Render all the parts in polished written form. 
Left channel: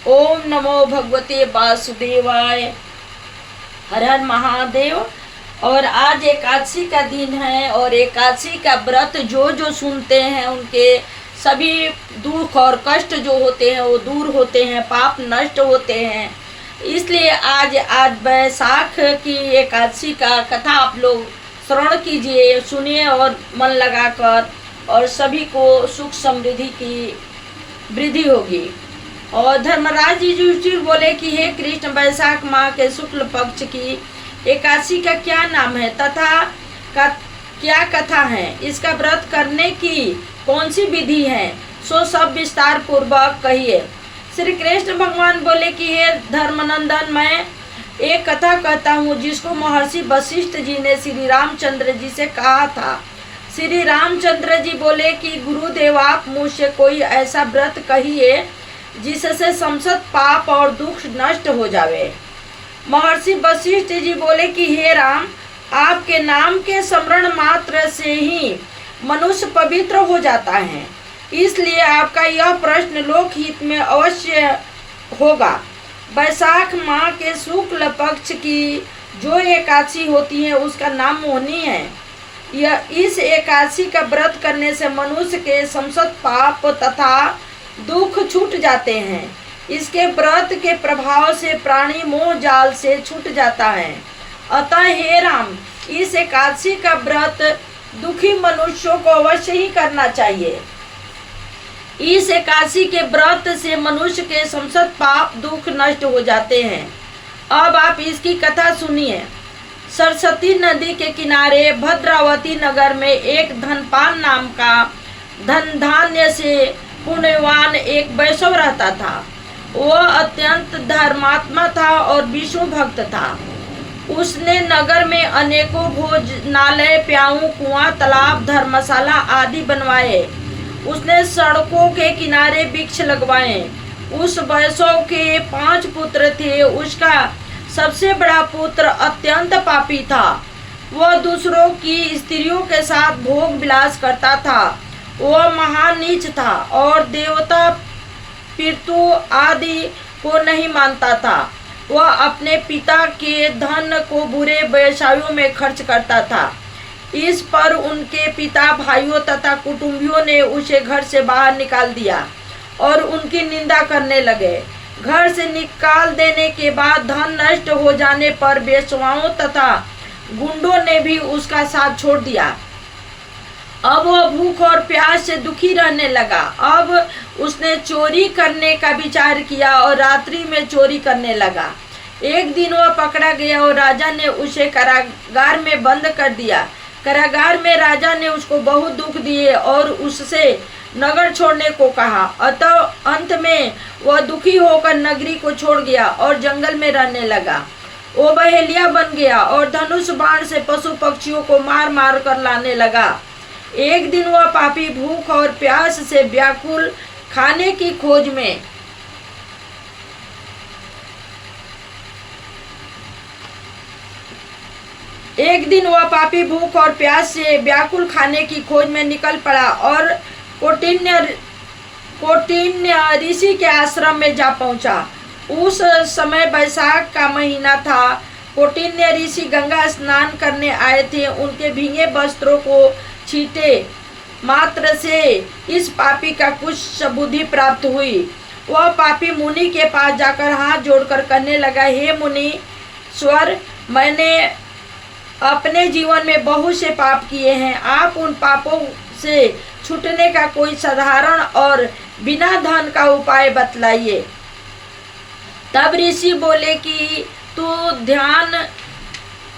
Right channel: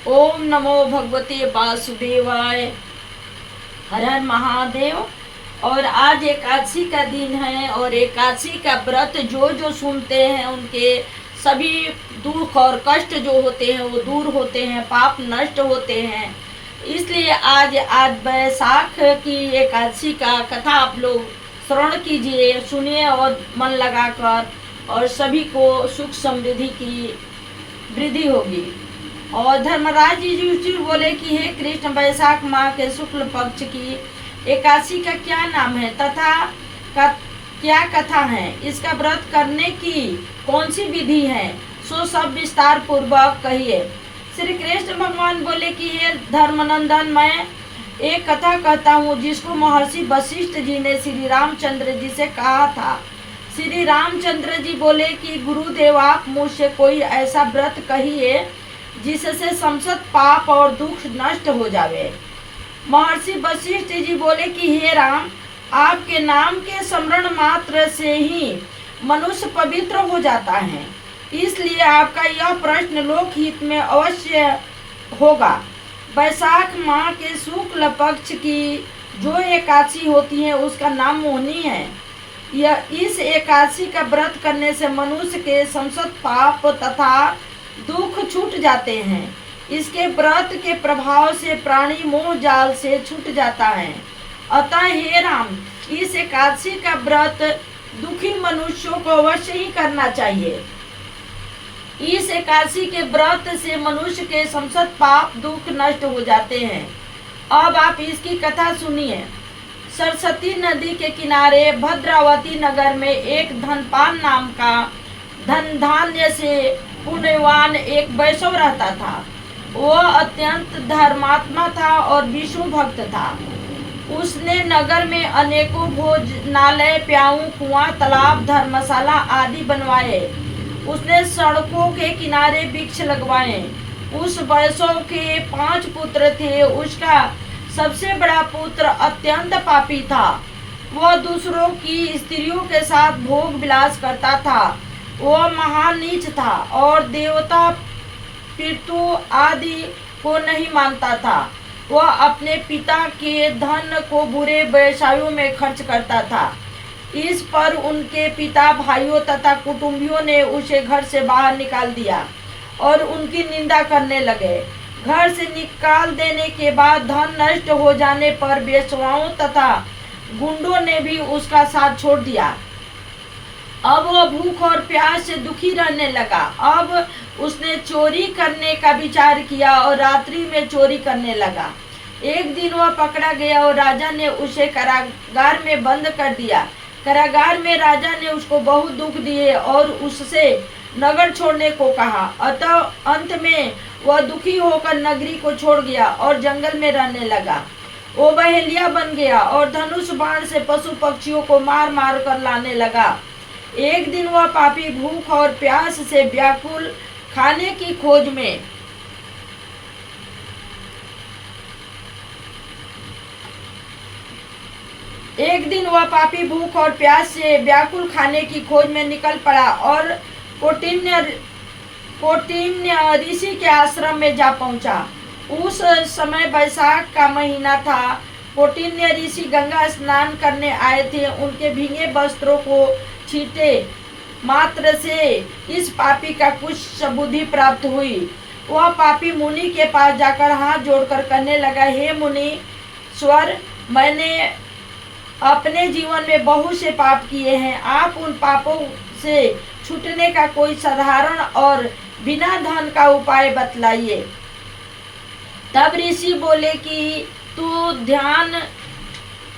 ओम नमो भगवते वासुदेवाय। हर हर महादेव। और आज एकादशी का दिन है और एकादशी का व्रत जो जो सुनते हैं उनके सभी दुख और कष्ट जो होते हैं वो दूर होते हैं, पाप नष्ट होते हैं। इसलिए आज बैसाख की एकादशी का कथा आप लोग श्रवण कीजिए, सुनिए और मन लगाकर, और सभी को सुख समृद्धि की वृद्धि होगी। और धर्मराज जी युधिष्ठिर बोले कि हे कृष्ण, वैशाख माह के शुक्ल पक्ष की एकादशी का क्या नाम है तथा क्या कथा है, इसका व्रत करने की कौन सी विधि है, सो सब विस्तार पूर्वक कहिए। श्री कृष्ण भगवान बोले कि हे धर्मनंदन, मैं एक कथा कहता हूँ जिसको महर्षि वशिष्ठ जी ने श्री रामचंद्र जी से कहा था। श्री रामचंद्र जी बोले कि गुरुदेव, आप मुझसे कोई ऐसा व्रत कहिए जिससे समस्त पाप और दुख नष्ट हो जावे। महर्षि वशिष्ठ जी बोले कि हे राम, आपके नाम के स्मरण मात्र से ही मनुष्य पवित्र हो जाता है, इसलिए आपका यह प्रश्न लोकहित में अवश्य होगा। वैशाख माह के शुक्ल पक्ष की जो एकादशी होती है उसका नाम मोहनी है। यह इस एकादशी का व्रत करने से मनुष्य के समस्त पाप तथा दुख छूट जाते हैं। इसके व्रत के प्रभाव से प्राणी मोह जाल से छूट जाता है। अतः हे राम, इस एकादशी का व्रत दुखी मनुष्यों को अवश्य ही करना चाहिए। इस एकादशी के व्रत से मनुष्य के समस्त पाप दुख नष्ट हो जाते हैं। अब आप इसकी कथा सुनिए। सरस्वती नदी के किनारे भद्रावती नगर में एक धनपान नाम का धन धान्य से पुण्यवान एक वैष्णव रहता था। वह अत्यंत धर्मात्मा था और विष्णु भक्त था। उसने नगर में अनेकों भोजनालय, प्याऊ, कुआं, तालाब, धर्मशाला आदि बनवाए। उसने सड़कों के किनारे वृक्ष लगवाए। उस वैष्णव के 5 पुत्र थे। उसका सबसे बड़ा पुत्र अत्यंत पापी था। वह दूसरों की स्त्रियों के साथ भोग विलास करता था। वह महान नीच था और देवता पितृ आदि को नहीं मानता था। वह अपने पिता के धन को बुरे व्यवसायों में खर्च करता था। इस पर उनके पिता, भाइयों तथा कुटुंबियों ने उसे घर से बाहर निकाल दिया और उनकी निंदा करने लगे। घर से निकाल देने के बाद धन नष्ट हो जाने पर वेश्याओं तथा गुंडों ने भी उसका साथ छोड़ दिया। अब वह भूख और प्यास से दुखी रहने लगा। अब उसने चोरी करने का विचार किया और रात्रि में चोरी करने लगा। एक दिन वह पकड़ा गया और राजा ने उसे कारागार में बंद कर दिया। कारागार में राजा ने उसको बहुत दुख दिए और उससे नगर छोड़ने को कहा। अतः अंत में वह दुखी होकर नगरी को छोड़ गया और जंगल में रहने लगा। वो बहेलिया बन गया और धनुष बाण से पशु पक्षियों को मार मार कर लाने लगा। एक दिन वह पापी भूख और प्यास से व्याकुल खाने की खोज में निकल पड़ा और कौटिन्य ऋषि के आश्रम में जा पहुंचा। उस समय बैसाख का महीना था। कौटिन्य ऋषि गंगा स्नान करने आए थे। उनके भीगे वस्त्रों को छीटे मात्र से इस पापी का कुछ सबुद्धि प्राप्त हुई। वह पापी मुनि के पास जाकर हाथ जोड़कर कहने लगा, हे मुनि स्वर, मैंने अपने जीवन में बहुत से पाप किए हैं। आप उन पापों से छूटने का कोई साधारण और बिना धन का उपाय बतलाइए। तब ऋषि बोले कि तू ध्यान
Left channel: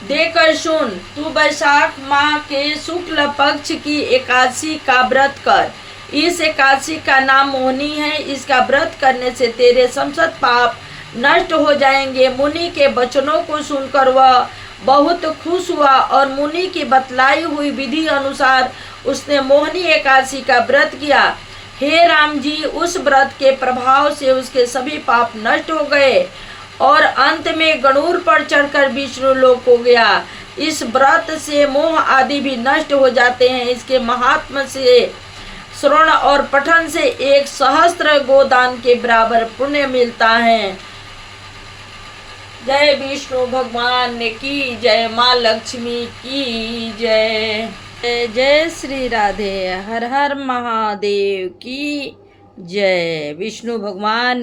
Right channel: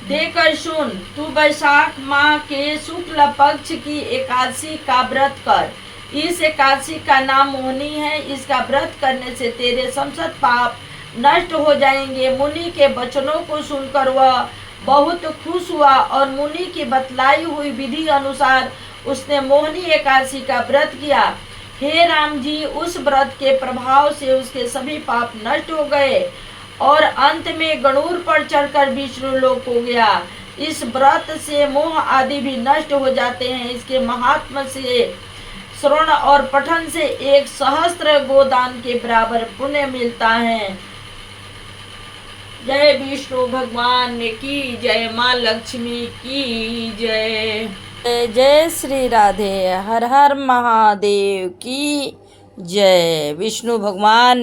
देकर सुन। तू वैशाख माह के शुक्ल पक्ष की एकादशी का व्रत कर। इस एकादशी का नाम मोहनी है। इसका व्रत करने से तेरे समस्त पाप नष्ट हो जाएंगे। मुनि के वचनों को सुनकर वह बहुत खुश हुआ और मुनि की बतलाई हुई विधि अनुसार उसने मोहनी एकादशी का व्रत किया। हे राम जी, उस व्रत के प्रभाव से उसके सभी पाप नष्ट हो गए और अंत में गरुड़ पर चढ़कर विष्णु लोक हो गया। इस व्रत से मोह आदि भी नष्ट हो जाते हैं। इसके महात्म से श्रवण और पठन से 1 सहस्त्र गोदान के बराबर पुण्य मिलता है। जय विष्णु भगवान की जय, माँ लक्ष्मी की जय। जय जय श्री राधे, हर हर महादेव की जय। विष्णु भगवान